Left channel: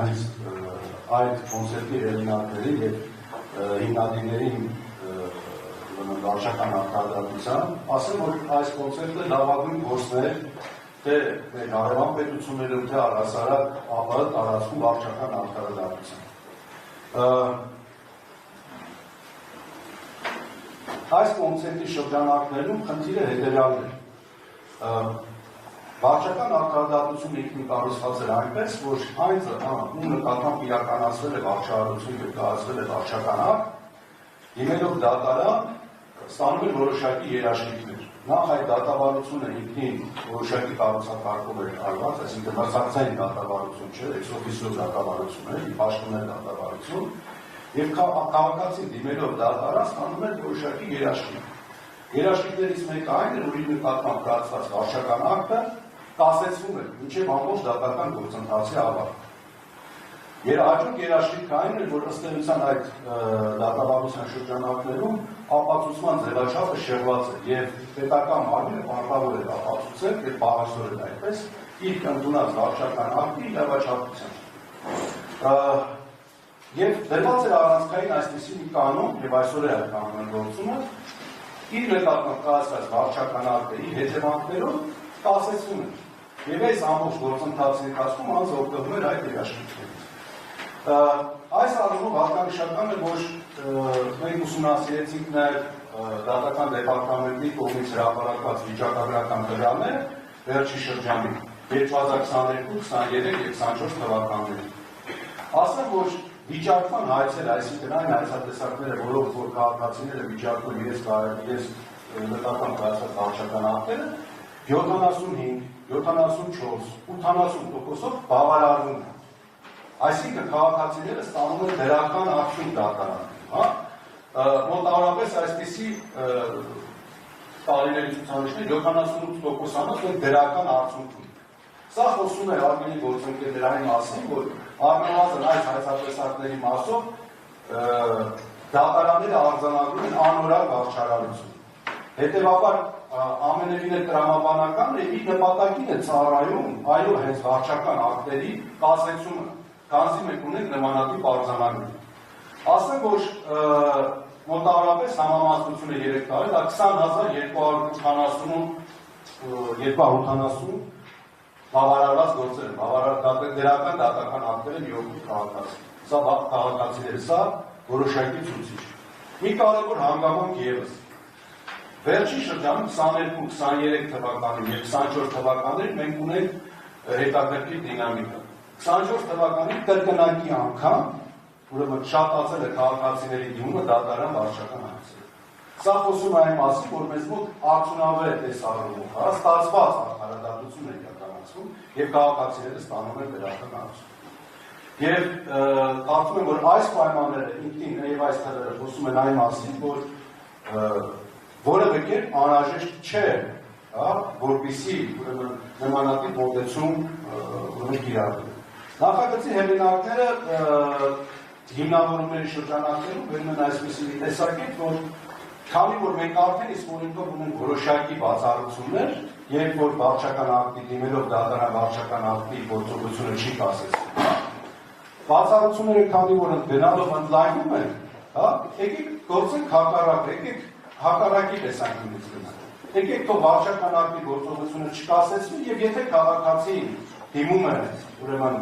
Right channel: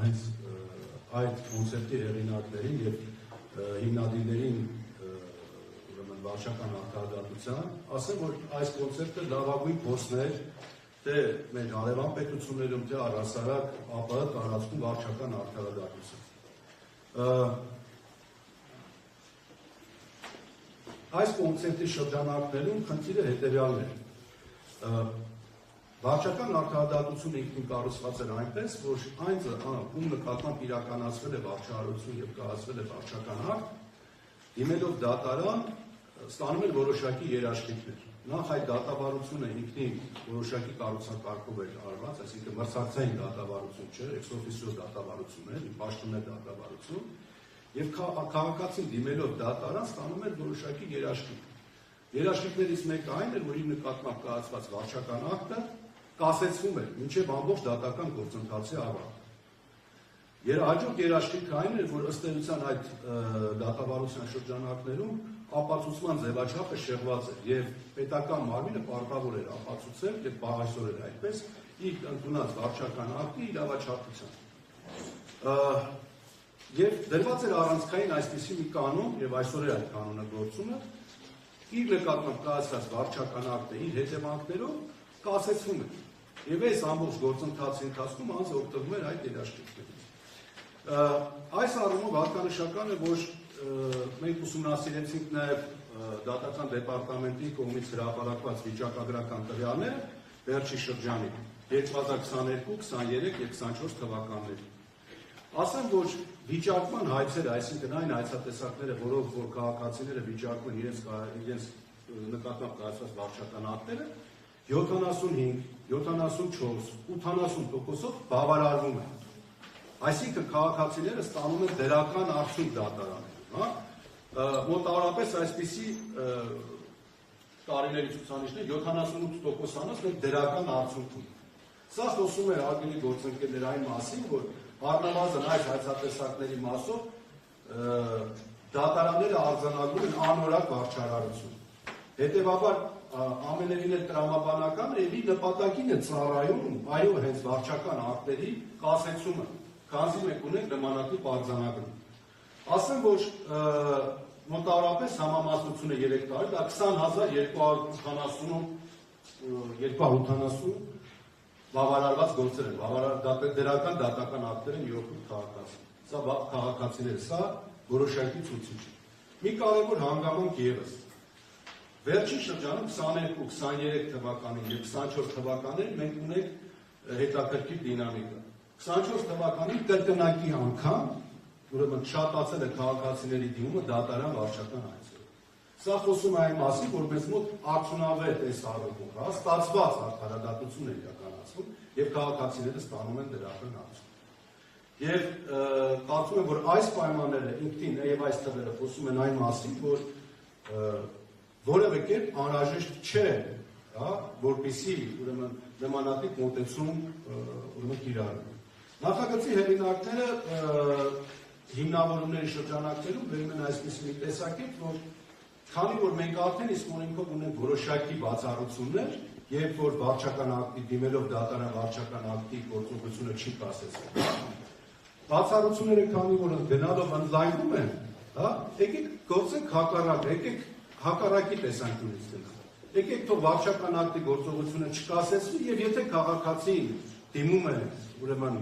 այդ կոնցեպտի հեղինակներին և հիմնադիրներին վարչական արտադրության, ասեմ, որ այս կոնցեպտը լավագույն գործներ թե մեր հարևան պետություններում, թե առհասարակ ԱՊՀ տարածքում վարչական արտադրության։ Այս կոնցեպտի շրջանակներում խնդիրը հետևյալն է։ Վարչական արտադրությունը ինքնին կառուցված էր այնպես, որ այն ում նկատմամբ իրականացվել է վարչահարություն և կայացվել է վարչական ակտ, դիմելով դատարան, ստանում են որոշակի երաշխիքներ։ Նախ այդ դատավարությունը ինքնին որոշակի կառուցակարգով էր արված, այսինքն մրցակցային դատավարություն չէ, ex officio դատավարություն է, պաշտոնյա դատավարություն, և քաղաքացին դիմելով դատարան ստանում էր որոշակի երաշխիք։ Երաշխիքներից մեկը այն է, որ իր նկատմամբ կայացված վարչական ակտը կասեցվում է մինչև ամբողջ դատական գործընթացի ավարտը։ Հաջորդ երաշխիքը այն է, որ ըստ էության այդ դատավարության շրջանակներում ապացուցման ձևաչափը շեղված է և պետական մարմինը պարտավոր է ապացուցել և պահանջել այդպես իր ընդունած վարչական ակտի իրավաչափության։ Եվ դրված էր առանցքային այսպիսի մի կանոն, և այսօր է այդ կանոնը գործում է, իր նկատմամբ կայացված վարչական ակտերի հետևանքներով կասեցվում է։ Եվ այս ամբողջ գործընթացի ընթացքում անձը օգտվում էր այդ երաշխիքներից։ Այս առումով հատկանշական է, որ մենք ուսումնասիրեցինք նաև դատական դեպարտամենտի կողմից հրապարակված վիճակագրական տվյալները վերջի շրջանի 2022, 23 և 24 թվականներին։ Ասեմ, որ վիճակման հայցերը, այսինքն այն հայցատեսակները, որով որ քաղաքացիները վիճակում իրենց նկատմամբ կայացված վարչական ակտերը, 75, 74, 80%-ով բավարարվում են։ Այսինքն քաղաքացիները ստանում են դրական արդյունք դատարանում։ Մոտավորապես այսպիսի տարիների ցուցանիշներ 78%-անոց մենք դրական արդյունք ունենք։ Սա խոսում է հարգելի գործընկերներ այն մասին, որ առնվազն այս հայցատեսակների մասով դատարանները արձանագրում են անորակ վարչարարություն։ Հետևաբար ամենևին է տրամաբանական է իր նպատակին է ծառայում այո հենց վարչական ակտերի կասեցումը, քանզի մենք ունենք նմանատիպ արձանագրում։ Ասեմ, որ մոտավորապես համամասնությունը 3 տարի, դա 20,280 բավարարված գործեր են, դրական դատական ակտեր են յոթ քաղաքացի։ Սա քաղաքացիները, սա որոշակի ցուցիչ։ Մի կարևոր հանգամանք ևս։ Վերջին շրջանում 22, 23 թվականին և 24 թվականին մենք ունենք հետաքրքիր դինամիկա։ 24 թվականին կրկնակի անգամ, ուրեմն շատացել է քաղաքացիների դիմումը դատարան վարչական հայցերը։ Սա խոսում է այն մասին, որ մեզ մոտ արդյունավետ այս առումով, ստացված արդարադատություն է իրականացվում և քաղաքացիները ստանում են դրական արդյունք։ Եվ կարծում եմ, որ այս պայմանները ինքնին և այս թվերը խոսում են այն մասին, որ որևէ կերպ անհրաժեշտ չէ, որպեսզի նմանատիպ մոտեցում կիրառվի։ Նախագծի հեղինակները հիմնավորումների շրջանակներում բերում են այսպիսի մի տեսակետ, որ քանի որ մենք արդեն իսկ օրենքով ունենք որոշակի բացառություններ, երբ որ վարչական ակտի դիմելով դատարան վարչական ակտի գործողությունը չի կասեցվում։ Բացառությունները քանի որ գնալով ընդլայնում են, եկեք գործենք հակառակ, եկեք հակառակի տեսանկյունից գնանք։ Եկեք թող վարչական ակտի գործողությունը չկասեցվի և եթե քաղաքացին դիմում է ուրեմն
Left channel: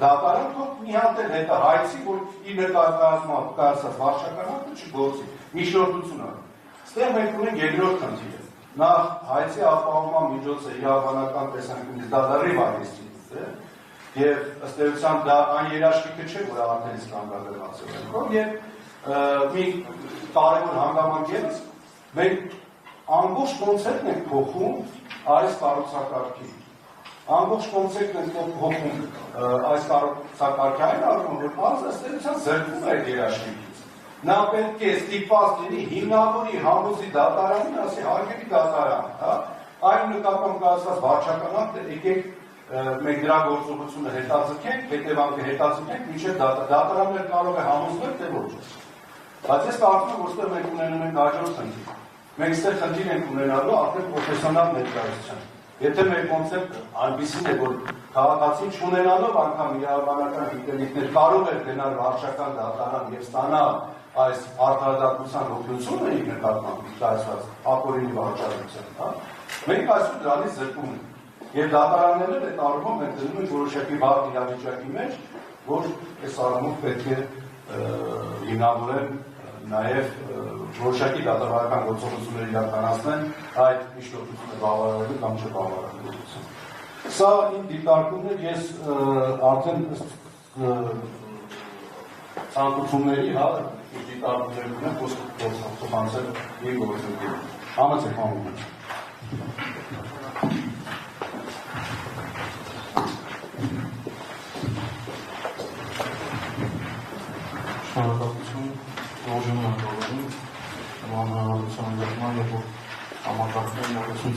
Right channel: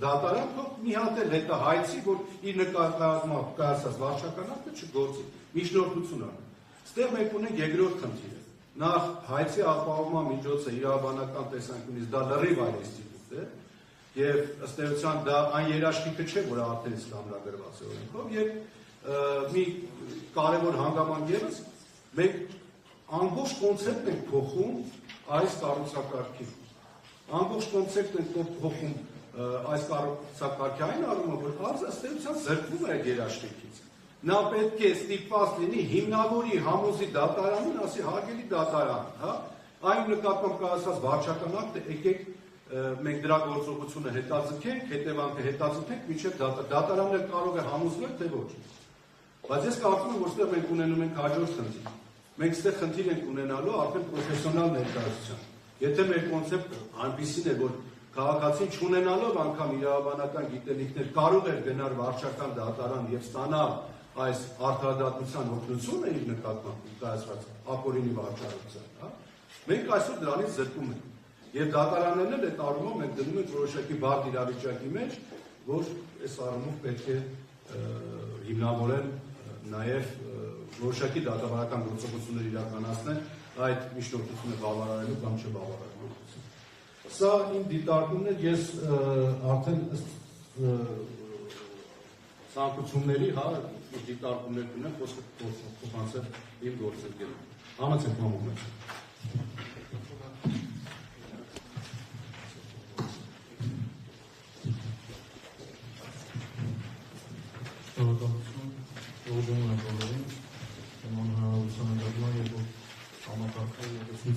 դատարան, թող մի հատ էլ հետը հայցի, որ իր նկատմամբ կայացած վարչական ակտը չգործի, միջնորդություն անի։ Ստեղ մենք ունենք երկրորդ խնդիրը։ Նախ հայցի ապահովման միջոցը իրավաբանական տեսանկյունից դա լրիվ այլ ինստիտուտ է, և ըստ էության դա այն երաշխիքը չէ, որ արդեն իսկ կանգնագրված է օրենքով, և մի կարևոր հանգամանք ևս, մենք ամբողջ կոնցեպտն ենք փոխում այս կառուցակարգի։ Ամբողջ կոնցեպտն ենք փոխում այս կառուցակարգի այն առումով, որ անձը ըստ էության զրկվում է այդ երաշխիքից։ Նա պետք է ստիպված լինի հիմնավորի համոզի դատարանին, ասի հարգելի դատարան, այն նկատմամբ կայացված վարչական ակտը եկեք մենք դրա գործողությունը հետաձգենք, հետևանքը հետաձգենք, մինչև դատարաններ կարող է համոզվել, թե ոչ։ Բայց ես կարծում եմ, որ ստեղ մենք ունենում ենք հաջորդ խնդիր։ Մենք ստեղ խնդիր ենք ունենալու արդեն պրոֆեսիոնալ ներկայացության։ Եթե մեր կոնցեպտը այնպիսին է, որ քաղաքացին չունենալով անգամ իրավաբանական գիտելիքներ կարող էր գնալ վարչական դատարան եւ ստանալ այս արդարադատության օգնությունը իր նկատմամբ կայացված ապօրինի վարչարության, հա, մենք այսօր դրանից զրկում ենք։ Եվ դատարաններն այդ առումով մենք դնում ենք որոշակի բարդ իրավիճակի մեջ, որ այս առումով պետք է հիմնավորեն նաև որոշակի դատավարական գործողություններ իրականացնեն այդ միջնորդությունը բավարարելու կամ չբավարարելու։ Սա իմ դիտարկումն է, ես արդեն ցանկությունների, հա, դիտարկումներ ունեմ, խոսքը փոխանցել իմ գործընկերներին։ Համեցեք համոզում։